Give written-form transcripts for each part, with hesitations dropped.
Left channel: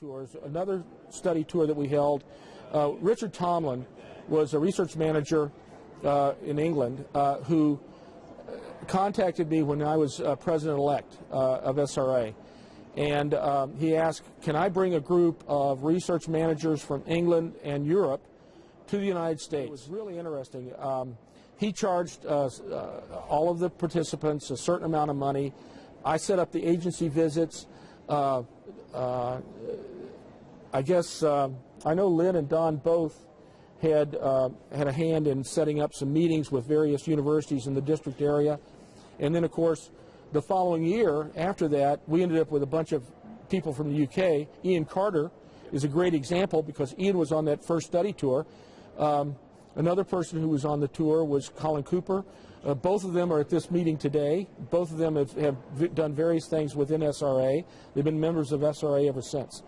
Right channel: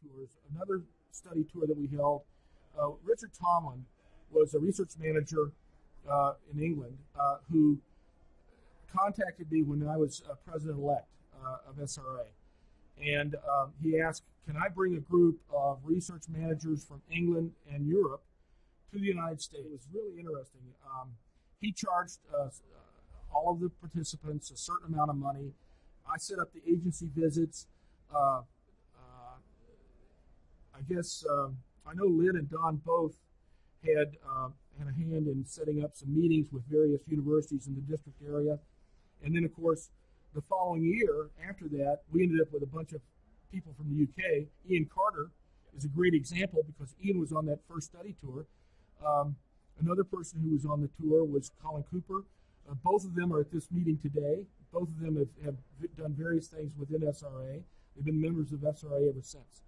tours. Another study tour that we held, Richard Tomlin was a research manager in England who contacted me when I was president-elect of SRA. And he asked, can I bring a group of research managers from England and Europe to the United States? It was really interesting. He charged all of the participants a certain amount of money. I set up the agency visits. I guess I know Lynn and Don both had a hand in setting up some meetings with various universities in the district area. And then, of course, the following year, after that, we ended up with a bunch of people from the UK. Ian Carter is a great example because Ian was on that first study tour. Another person who was on the tour was Colin Cooper. Both of them are at this meeting today. Both of them have done various things within SRA. They've been members of SRA ever since.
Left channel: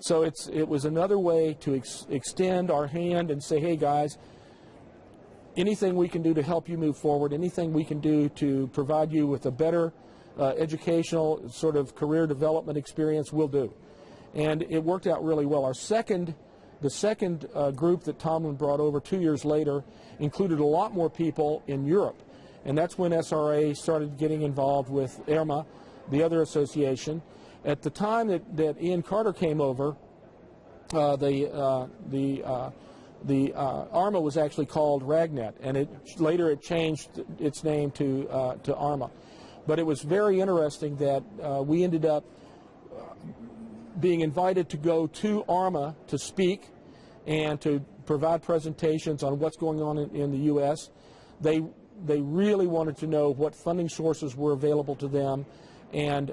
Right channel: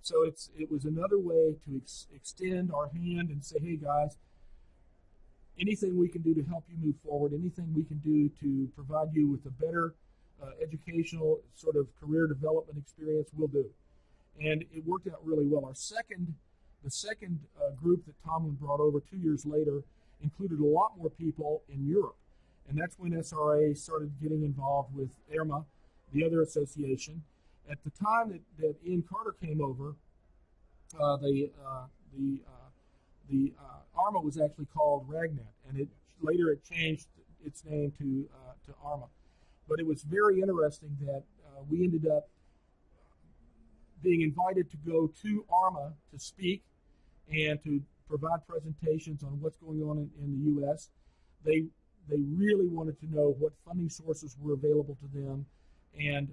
So it was another way to extend our hand and say, hey, guys, anything we can do to help you move forward, anything we can do to provide you with a better educational sort of career development experience, we'll do. And it worked out really well. The second group that Tomlin brought over 2 years later included a lot more people in Europe. And that's when SRA started getting involved with IRMA, the other association. At the time that Ian Carter came over, the ARMA was actually called RagNet, and later it changed its name to ARMA. But it was very interesting that we ended up being invited to go to ARMA to speak and to provide presentations on what's going on in the U.S. They really wanted to know what funding sources were available to them and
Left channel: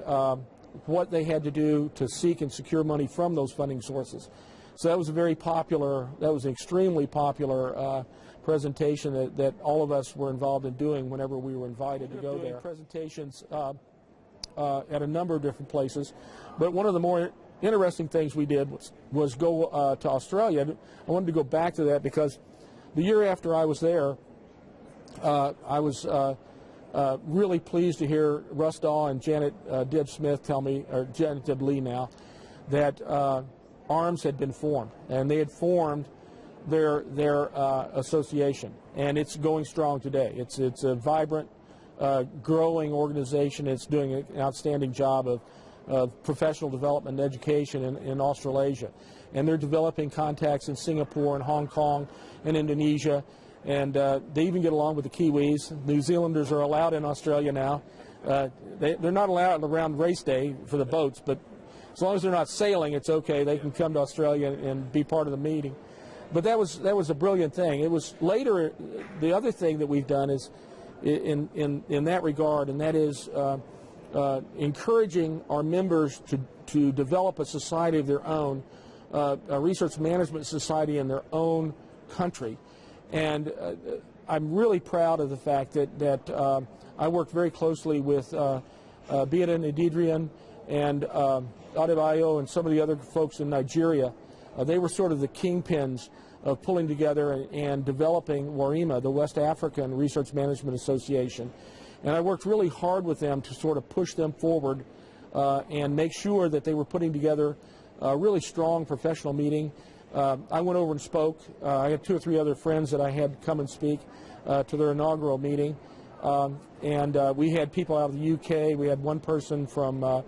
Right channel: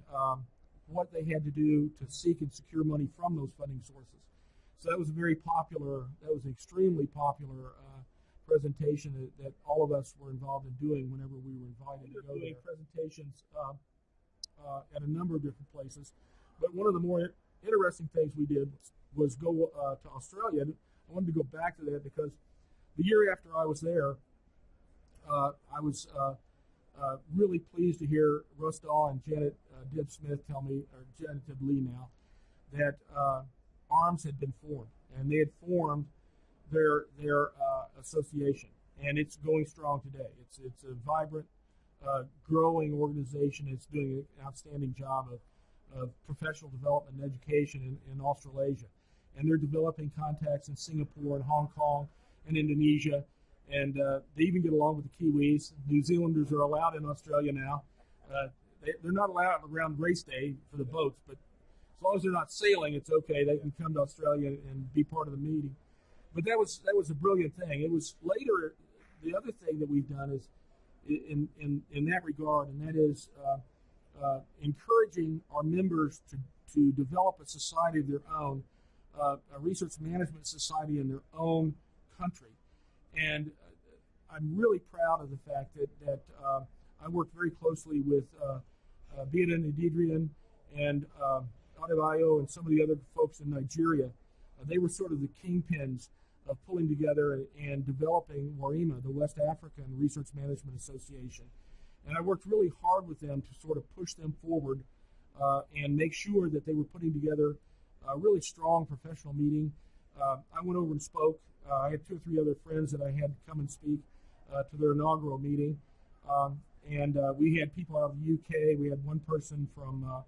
what they had to do to seek and secure money from those funding sources. So that was a very popular, that was an extremely popular presentation that all of us were involved in doing whenever we were invited to go there. Presentations at a number of different places, but one of the more interesting things we did was go to Australia. I wanted to go back to that because the year after I was there, I was really pleased to hear Russ Dahl and Janet Deb Smith tell me, or Janet Deb Lee now, that ARMS had been formed, and they had formed their association, and it's going strong today. It's a vibrant, growing organization. It's doing an outstanding job of professional development and education in Australasia, and they're developing contacts in Singapore and Hong Kong and Indonesia, and they even get along with the Kiwis. New Zealanders are allowed in Australia now. They're not allowed around race day for the boats, but as long as they're not sailing, it's okay. They can come to Australia and be part of the meeting. But that was a brilliant thing. It was later, the other thing that we've done is in that regard, and that is encouraging our members to develop a society of their own, a research management society in their own country. And I'm really proud of the fact that I worked very closely with Biana and Adrian and Adebayo and some of the other folks in Nigeria. They were sort of the kingpins of pulling together and developing WARIMA, the West African Research Management Association. And I worked really hard with them to sort of push them forward and make sure that they were putting together a really strong professional meeting. I went over and spoke. I had 2 or 3 other friends that I had come and speak to their inaugural meeting. And we had people out of the UK. We had one person from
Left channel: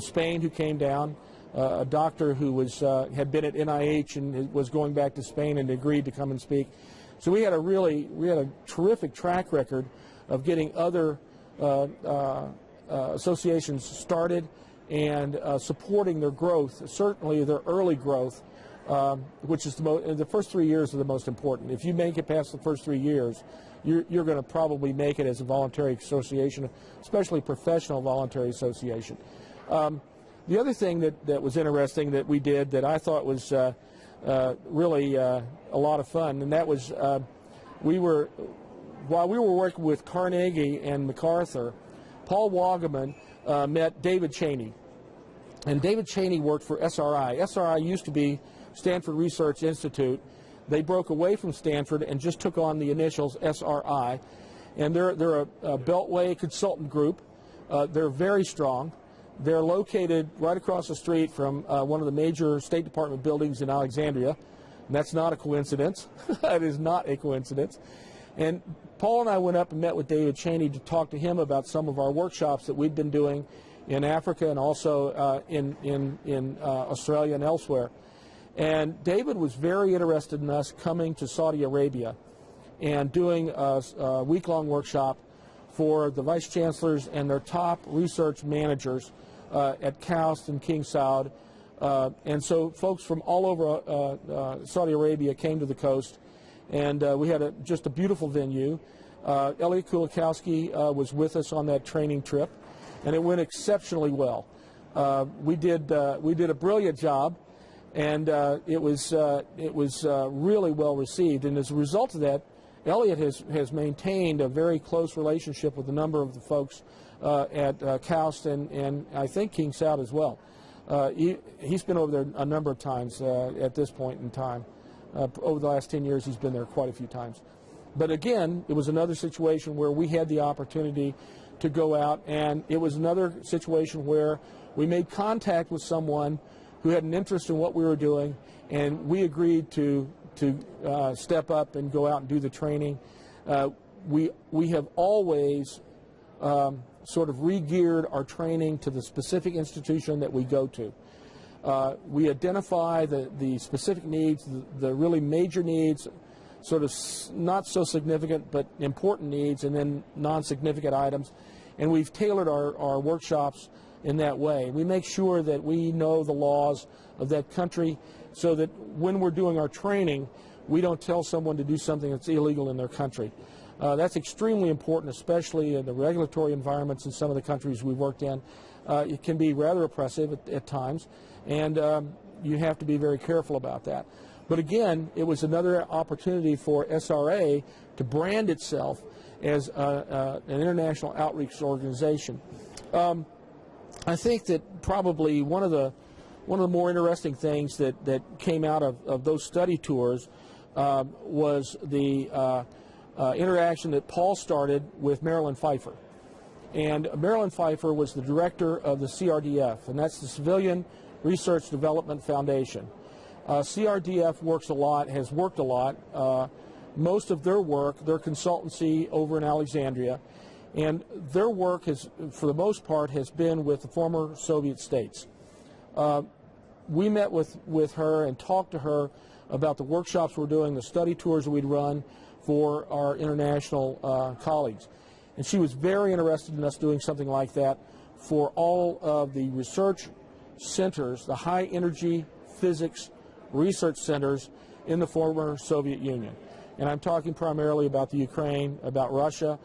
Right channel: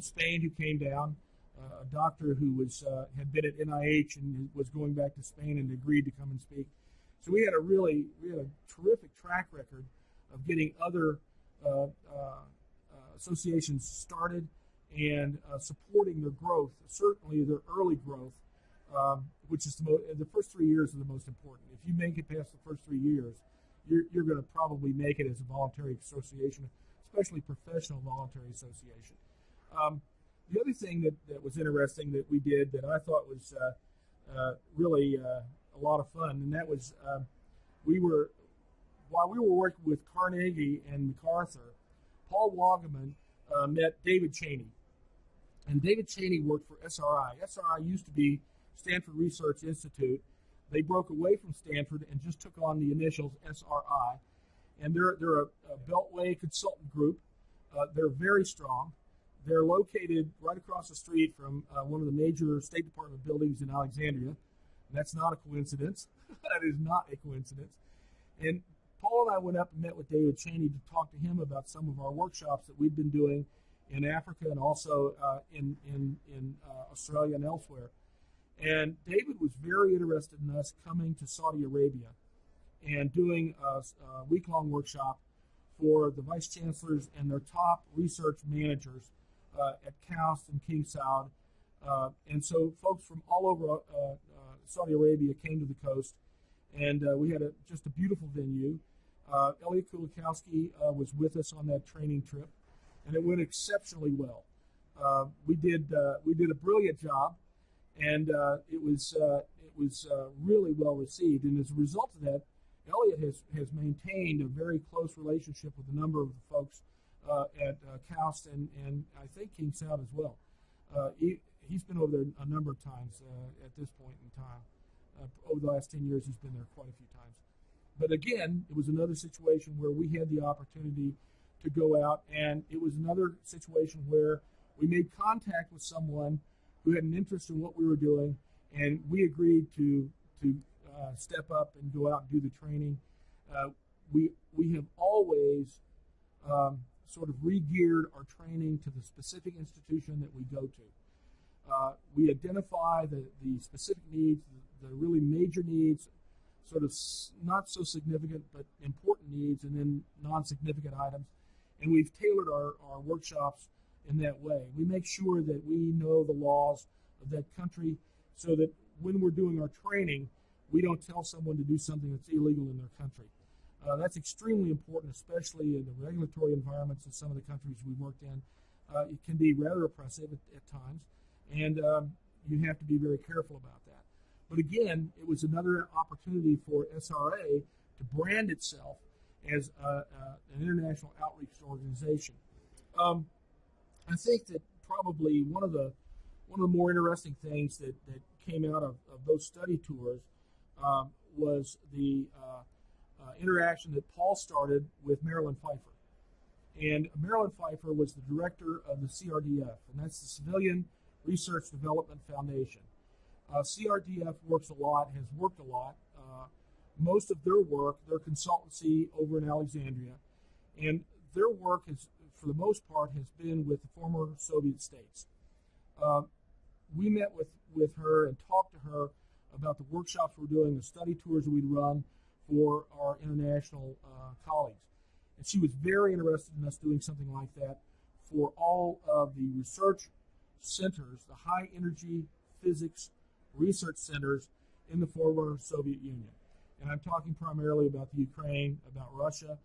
Spain who came down, a doctor who had been at NIH and was going back to Spain and agreed to come and speak. So we had a terrific track record of getting other associations started and supporting their growth, certainly their early growth, which is the first 3 years are the most important. If you make it past the first 3 years, you're going to probably make it as a voluntary association, especially professional voluntary association. The other thing that was interesting that we did that I thought was really a lot of fun, and that was while we were working with Carnegie and MacArthur, Paul Wagaman met David Cheney. And David Cheney worked for SRI. SRI used to be Stanford Research Institute. They broke away from Stanford and just took on the initials SRI. And they're a Beltway consultant group. They're very strong. They're located right across the street from one of the major State Department buildings in Alexandria. And that's not a coincidence. That is not a coincidence. And Paul and I went up and met with David Cheney to talk to him about some of our workshops that we've been doing in Africa and also in Australia and elsewhere. And David was very interested in us coming to Saudi Arabia and doing a week-long workshop for the vice chancellors and their top research managers at KAUST and King Saud. And so folks from all over Saudi Arabia came to the coast, and we had just a beautiful venue. Elliot Kulikowski was with us on that training trip, and it went exceptionally well. We did a brilliant job, and it was really well received. And as a result of that, Elliot has maintained a very close relationship with a number of the folks at KAUST and I think King Saud as well. He's been over there a number of times at this point in time. Over the last 10 years, he's been there quite a few times. But again, it was another situation where we had the opportunity to go out, and it was another situation where we made contact with someone who had an interest in what we were doing, and we agreed to step up and go out and do the training. We have always sort of re-geared our training to the specific institution that we go to. We identify the specific needs, the really major needs, sort of not so significant but important needs, and then non-significant items. And we've tailored our workshops in that way. We make sure that we know the laws of that country so that when we're doing our training, we don't tell someone to do something that's illegal in their country. That's extremely important, especially in the regulatory environments in some of the countries we've worked in. It can be rather oppressive at times, and you have to be very careful about that. But again, it was another opportunity for SRA to brand itself as an international outreach organization. I think that probably one of the more interesting things that came out of those study tours was the interaction that Paul started with Marilyn Pfeiffer. And Marilyn Pfeiffer was the director of the CRDF, and that's the Civilian Research Development Foundation. CRDF works a lot, has worked a lot. Most of their work, their consultancy over in Alexandria, and their work has, for the most part, has been with the former Soviet states. We met with her and talked to her about the workshops we're doing, the study tours that we'd run for our international colleagues. And she was very interested in us doing something like that for all of the research centers, the high energy physics research centers in the former Soviet Union. And I'm talking primarily about the Ukraine, about Russia,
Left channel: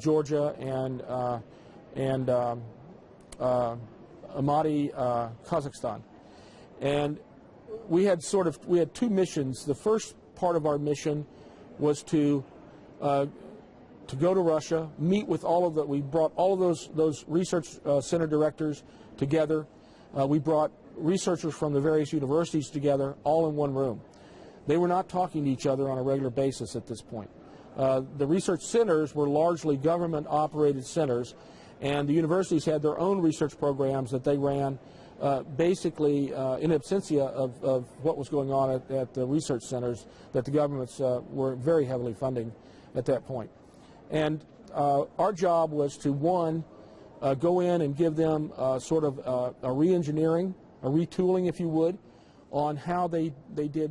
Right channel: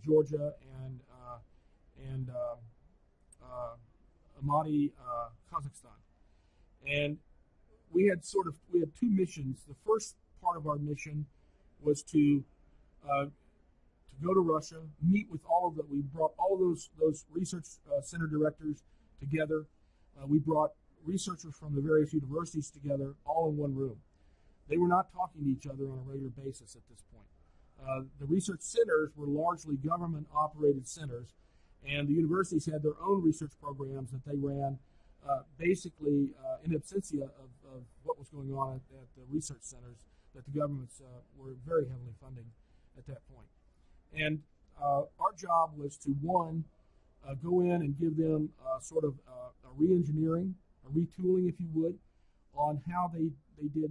Georgia, and Almaty, Kazakhstan. And we had two missions. The first part of our mission was to go to Russia, meet with all of we brought all of those research center directors together. We brought researchers from the various universities together, all in one room. They were not talking to each other on a regular basis at this point. The research centers were largely government-operated centers, and the universities had their own research programs that they ran basically in absentia of what was going on at the research centers that the governments were very heavily funding at that point. And our job was to, one, go in and give them sort of a re-engineering, a retooling, if you would, on how they did